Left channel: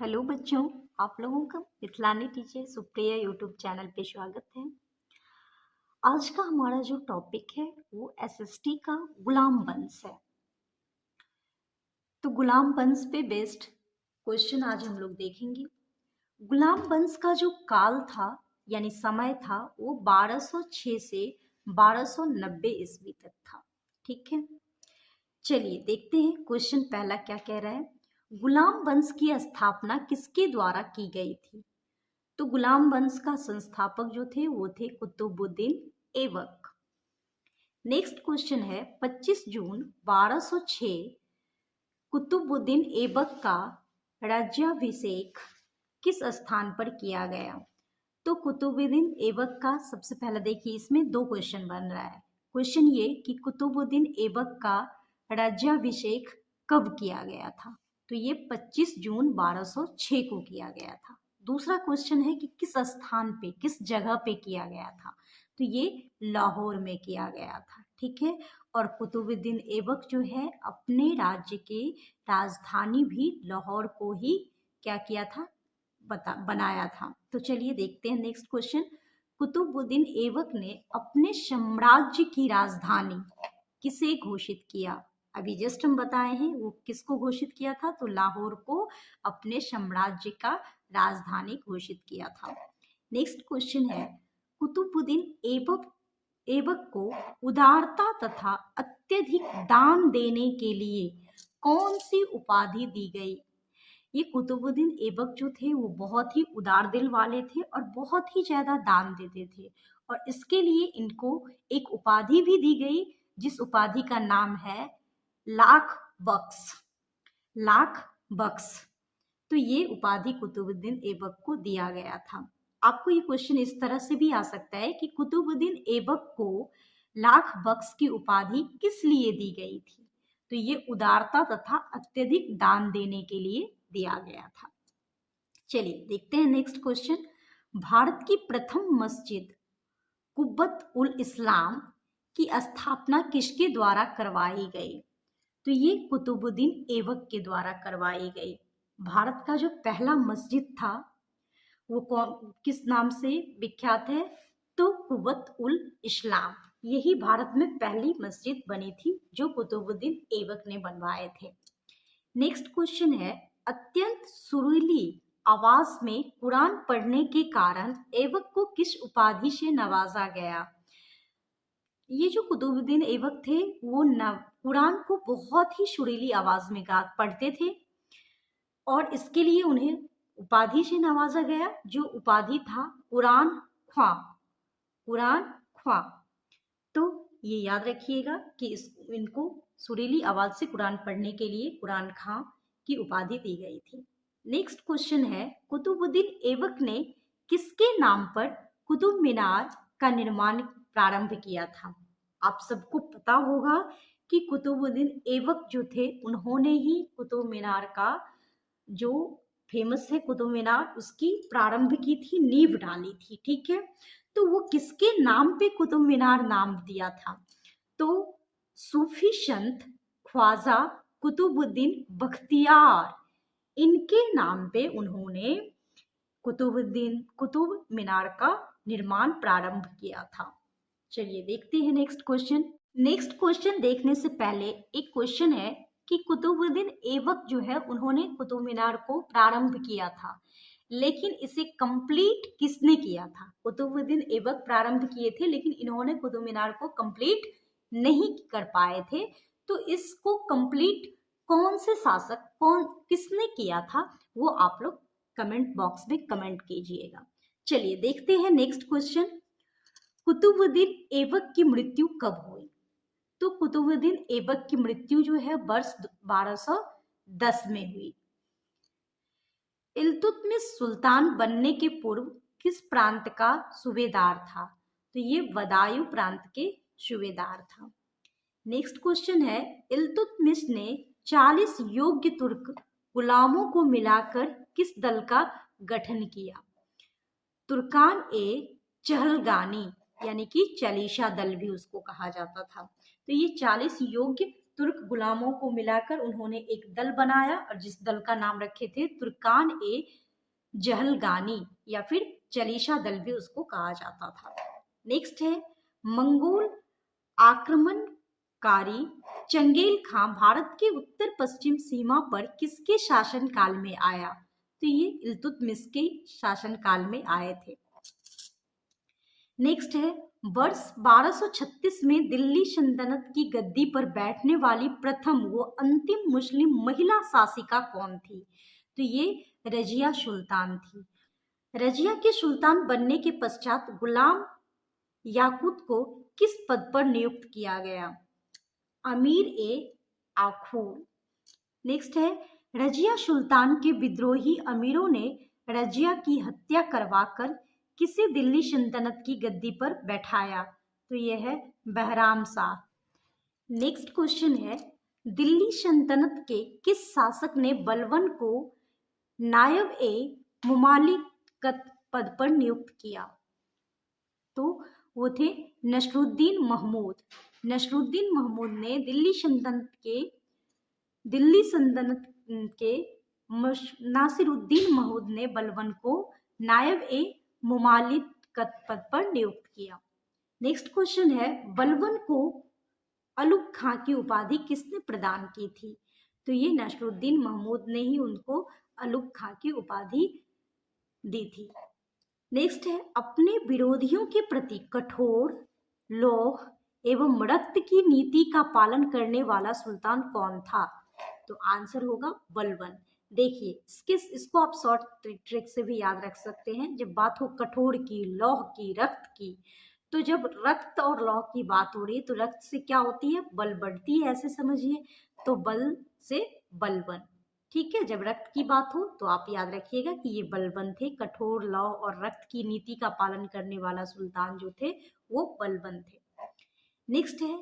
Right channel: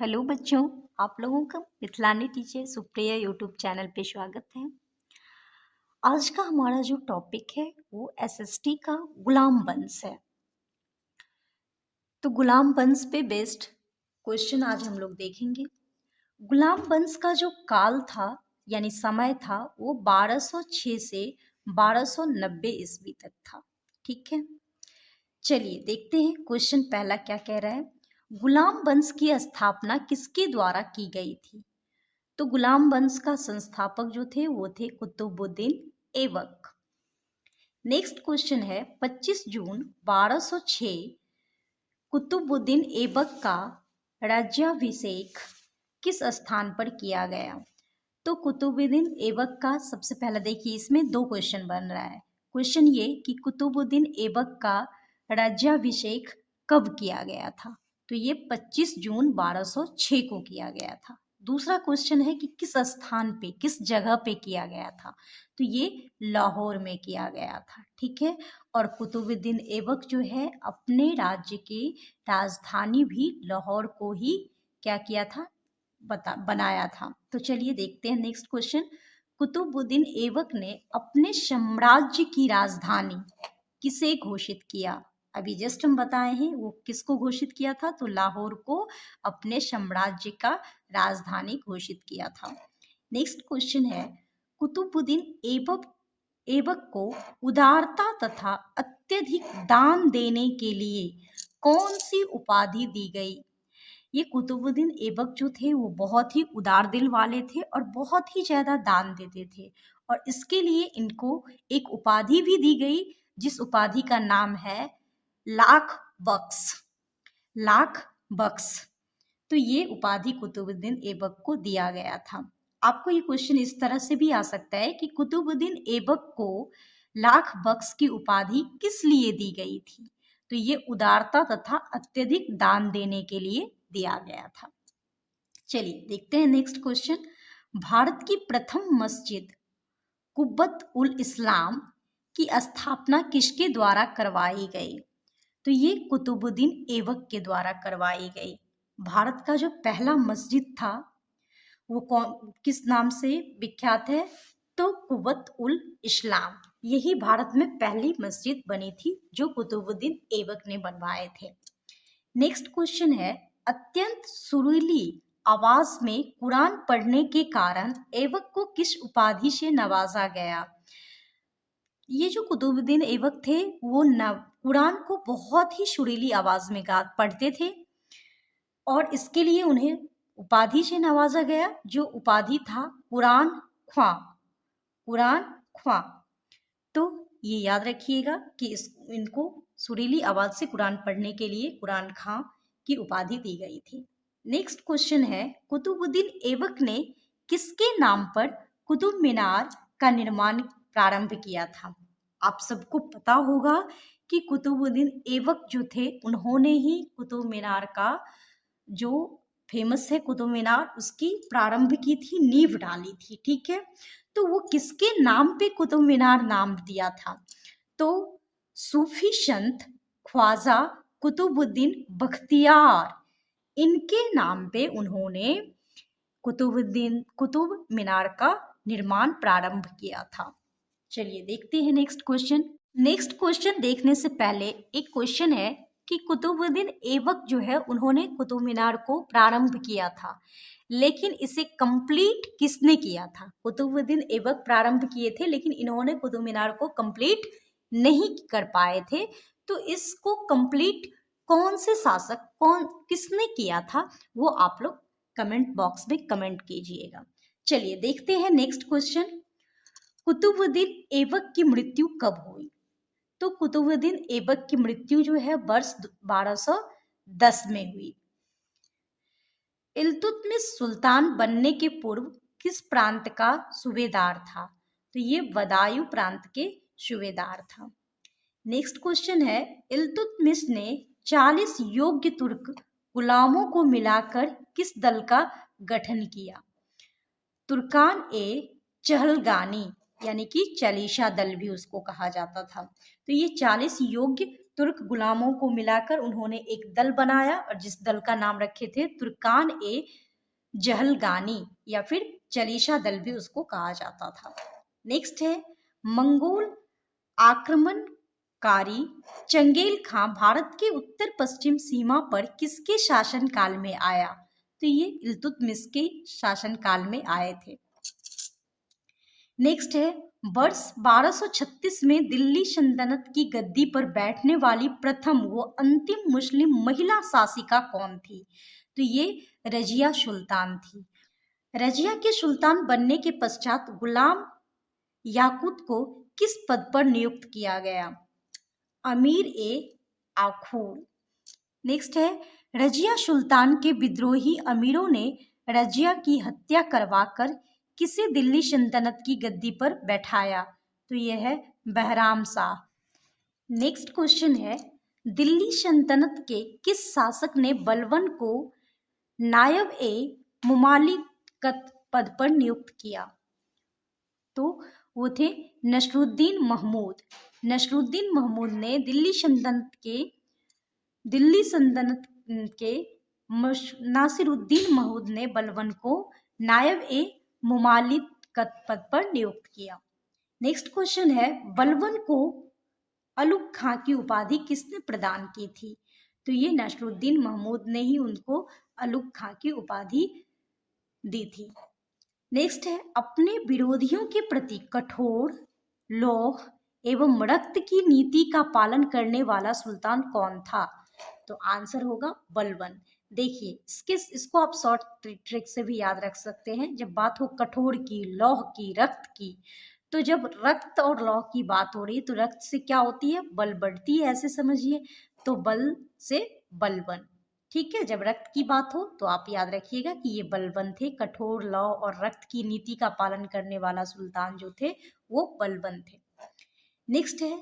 Hello बच्चों, आप लोगों का मिथिलानी टीचर सुप्रिया यूट्यूब चैनल पे स्वागत है। आज का हमारा जो टॉपिक है वो एसएसटी का गुलाम वंश है। तो गुलाम वंश पे बेस्ड क्वेश्चन आज हम लोग देखेंगे। गुलाम वंश का जो काल था यानी समय था वो 1206 से 1290 ईस्वी तक था। ठीक है, चलिए देखते हैं क्वेश्चन पहला क्या कह रहा है। गुलाम वंश की स्थापना किसके द्वारा की गई थी? तो गुलाम वंश का संस्थापक जो थे वो थे कुतुबुद्दीन ऐबक। नेक्स्ट क्वेश्चन है 25 जून 1206 कुतुबुद्दीन ऐबक का राज्याभिषेक किस स्थान पर किया गया? तो कुतुबुद्दीन ऐबक का सबसे पहले देखिए, इसमें दो क्वेश्चन बन रहा है। क्वेश्चन ये कि कुतुबुद्दीन ऐबक का राज्याभिषेक कब किया गया था? तो ये 25 जून 1206 को किया गया था। दूसरा क्वेश्चन है कि किस स्थान पे, किस जगह पे किया गया था? तो ये लाहौर में किया गया था। ठीक है, और कुतुबुद्दीन ऐबक जो है अपने राज्य की राजधानी भी लाहौर को ही क्या किया था, बनाया था। तो चलिए देखते हैं नेक्स्ट क्वेश्चन। कुतुबुद्दीन ऐबक ने अपने साम्राज्य की राजधानी किसे घोषित किया? अभी जस्ट हम बताए हैं वो किसको घोषित किया था, तो लाहौर को अपने साम्राज्य का राजधानी घोषित किया था। नेक्स्ट क्वेश्चन है कुतुबुद्दीन ऐबक को उदारता तथा अत्यधिक दान देने के लिए कौन सी उपाधि दी गई? ये कुतुबुद्दीन ऐबक जो थे वो बहुत ही उदार दिल वाले थे और बहुत ही ज्यादा दान देते थे, और इसके लिए इनको एक उपाधि भी दी गई जिस उपाधि का नाम है लाख बख्श। लाख बख्श, तो ये उपाधि कुतुबुद्दीन ऐबक को दिया गया था। आपको ये क्वेश्चन इस तरह से भी आ सकता है कि कुतुबुद्दीन ऐबक को लाख बख्श की उपाधि किस लिए दी गई थी? तो ये उदारता तथा अत्यधिक दान देने के लिए दिया गया था। चलिए देखते हैं नेक्स्ट क्वेश्चन। भारत की प्रथम मस्जिद कुब्बत उल इस्लाम की स्थापना किसके द्वारा करवाई गई? तो ये कुतुबुद्दीन ऐबक के द्वारा करवाई गई। भारत का जो पहला मस्जिद था वो कौन, किस नाम से विख्यात है? तो कुब्बत उल इस्लाम, यही भारत में पहली मस्जिद बनी थी जो कुतुबुद्दीन ऐबक ने बनवाए थे। नेक्स्ट क्वेश्चन है अत्यंत सुरीली आवाज में कुरान पढ़ने के कारण ऐबक को किस उपाधि से नवाजा गया? ये जो कुतुबुद्दीन ऐबक थे वो कुरान को बहुत ही सुरीली आवाज में पढ़ते थे और इसके लिए उन्हें उपाधि से नवाजा गया जो उपाधि था कुरान ख्वां। कुरान ख्वां, तो ये याद रखिएगा कि इनको सुरीली आवाज से कुरान पढ़ने के लिए कुरान खां की उपाधि दी गई थी। नेक्स्ट क्वेश्चन है कुतुबुद्दीन ऐबक ने किसके नाम पर कुतुब मीनार का निर्माण प्रारंभ किया था? आप सबको पता होगा कि कुतुबुद्दीन ऐबक जो थे उन्होंने ही कुतुब मीनार का जो फेमस है कुतुब मीनार उसकी प्रारंभ की थी, नींव डाली थी। ठीक है, तो वो किसके नाम पे कुतुब मीनार नाम दिया था? तो सूफी संत ख्वाजा कुतुबुद्दीन बख्तियार, इनके नाम पे उन्होंने कुतुब मीनार का निर्माण प्रारंभ किया था। चलिए देखते हैं नेक्स्ट क्वेश्चन। नेक्स्ट क्वेश्चन देखने से पहले एक क्वेश्चन है कि कुतुबुद्दीन ऐबक जो है उन्होंने कुतुब मीनार को प्रारंभ किया था, लेकिन इसे कंप्लीट किसने किया था? कुतुबुद्दीन ऐबक प्रारंभ किए थे लेकिन इन्होंने कुतुब मीनार को कंप्लीट नहीं कर पाए थे। तो इसको कंप्लीट कौन से शासक, किसने किया था, वो आप लोग कमेंट बॉक्स में कमेंट कीजिएगा। चलिए देखते हैं नेक्स्ट क्वेश्चन। कुतुबुद्दीन ऐबक की मृत्यु कब हुई? तो कुतुबुद्दीन ऐबक की मृत्यु जो है वर्ष 1210 में हुई। इल्तुतमिश सुल्तान बनने के पूर्व किस प्रांत का सूबेदार था? तो ये बदायूं प्रांत के सूबेदार था। नेक्स्ट क्वेश्चन है इल्तुतमिश ने 40 योग्य तुर्क गुलामों को मिलाकर किस दल का गठन किया? तुर्कान ए चहलगानी यानी कि चालीसा दल भी उसको कहा जाता था। तो ये 40 योग्य तुर्क गुलामों को मिलाकर उन्होंने एक दल बनाया और जिस दल का नाम रखे थे तुर्कान ए जहलगानी या फिर चलीशा दल भी उसको कहा जाता था। नेक्स्ट है मंगोल आक्रमणकारी चंगेल खां भारत के उत्तर पश्चिम सीमा पर किसके शासन काल में आया? तो ये इल्तुतमिश के शासन काल में आए थे। नेक्स्ट है वर्ष 1236 में दिल्ली सल्तनत की गद्दी पर बैठने वाली प्रथम व अंतिम मुस्लिम महिला शासिका कौन थी? तो ये रजिया सुल्तान थी। रजिया के सुल्तान बनने के पश्चात गुलाम याकूत को किस पद पर नियुक्त किया गया? अमीर ए आखूर। नेक्स्ट है रजिया सुल्तान के विद्रोही अमीरों ने रजिया की हत्या करवाकर किसे दिल्ली सल्तनत की गद्दी पर बैठाया? तो यह है बहराम शाह। नेक्स्ट क्वेश्चन है दिल्ली सल्तनत के किस शासक ने बलबन को नायब ए मुमालिकत पद पर नियुक्त किया? तो वो थे नसरुद्दीन महमूद। नसरुद्दीन महमूद ने दिल्ली सल्तनत के नासिरुद्दीन महमूद ने बलबन को नायब ए मुमालिकत पद पर नियुक्त किया। नेक्स्ट क्वेश्चन है बलबन को अलुग खां की उपाधि किसने प्रदान की थी? तो ये नसरुद्दीन महमूद ने ही उनको अलुग खां की उपाधि दी थी। नेक्स्ट है अपने विरोधियों के प्रति कठोर लौह एवं रक्त की नीति का पालन करने वाला सुल्तान कौन था? तो आंसर होगा बलबन। देखिए इसको आप शॉर्ट ट्रिक से भी याद रख सकते हैं। जब बात हो कठोर की, लौह की, रक्त की, तो जब रक्त और लौह की बात हो रही है तो रक्त से क्या होती है? बल बढ़ती है, ऐसे समझिए। तो बल से बलबन। ठीक है, जब रक्त की बात हो तो आप याद रखिएगा कि ये बलबन थे। कठोर लौह और रक्त की नीति का पालन करने वाला सुल्तान जो थे वो बलबन थे। नेक्स्ट है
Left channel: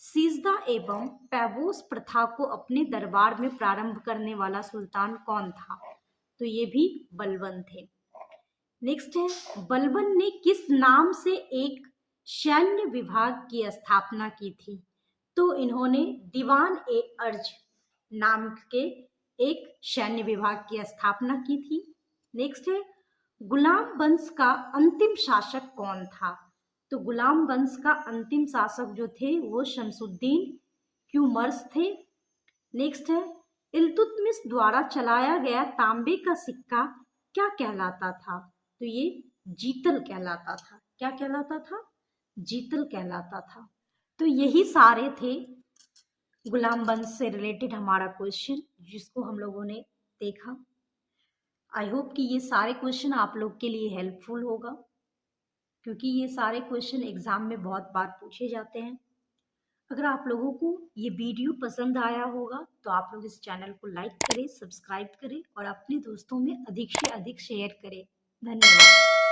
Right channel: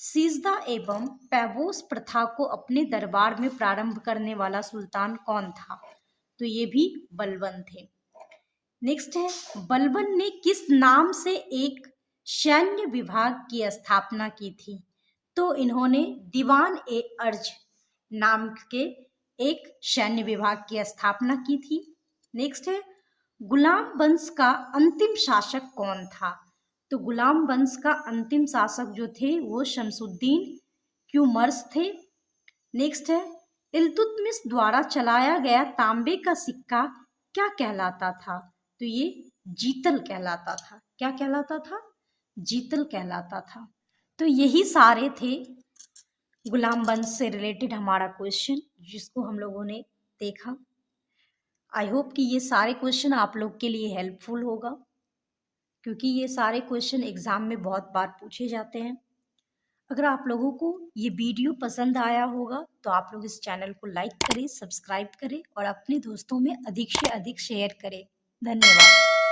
सीजदा एवं पैबोस प्रथा को अपने दरबार में प्रारंभ करने वाला सुल्तान कौन था? तो ये भी बलबन थे। नेक्स्ट है बलबन ने किस नाम से एक सैन्य विभाग की स्थापना की थी? तो इन्होंने दीवान ए अर्ज नाम के एक सैन्य विभाग की स्थापना की थी। नेक्स्ट है गुलाम वंश का अंतिम शासक कौन था? तो गुलाम वंश का अंतिम शासक जो थे वो शमसुद्दीन क्यूमर्स थे। नेक्स्ट है इल्तुतमिश द्वारा चलाया गया तांबे का सिक्का क्या कहलाता था? तो ये जीतल कहलाता था। क्या कहलाता था? जीतल कहलाता था। तो यही सारे थे गुलाम वंश से रिलेटेड हमारा क्वेश्चन जिसको हम लोगों ने देखा। आई होप कि ये सारे क्वेश्चन आप लोग के लिए हेल्पफुल होगा क्योंकि ये सारे क्वेश्चन एग्जाम में बहुत बार पूछे जाते हैं। अगर आप लोगों को ये वीडियो पसंद आया होगा तो आप लोग इस चैनल को लाइक करें, सब्सक्राइब करें और अपने दोस्तों में अधिक से अधिक शेयर करें। धन्यवाद।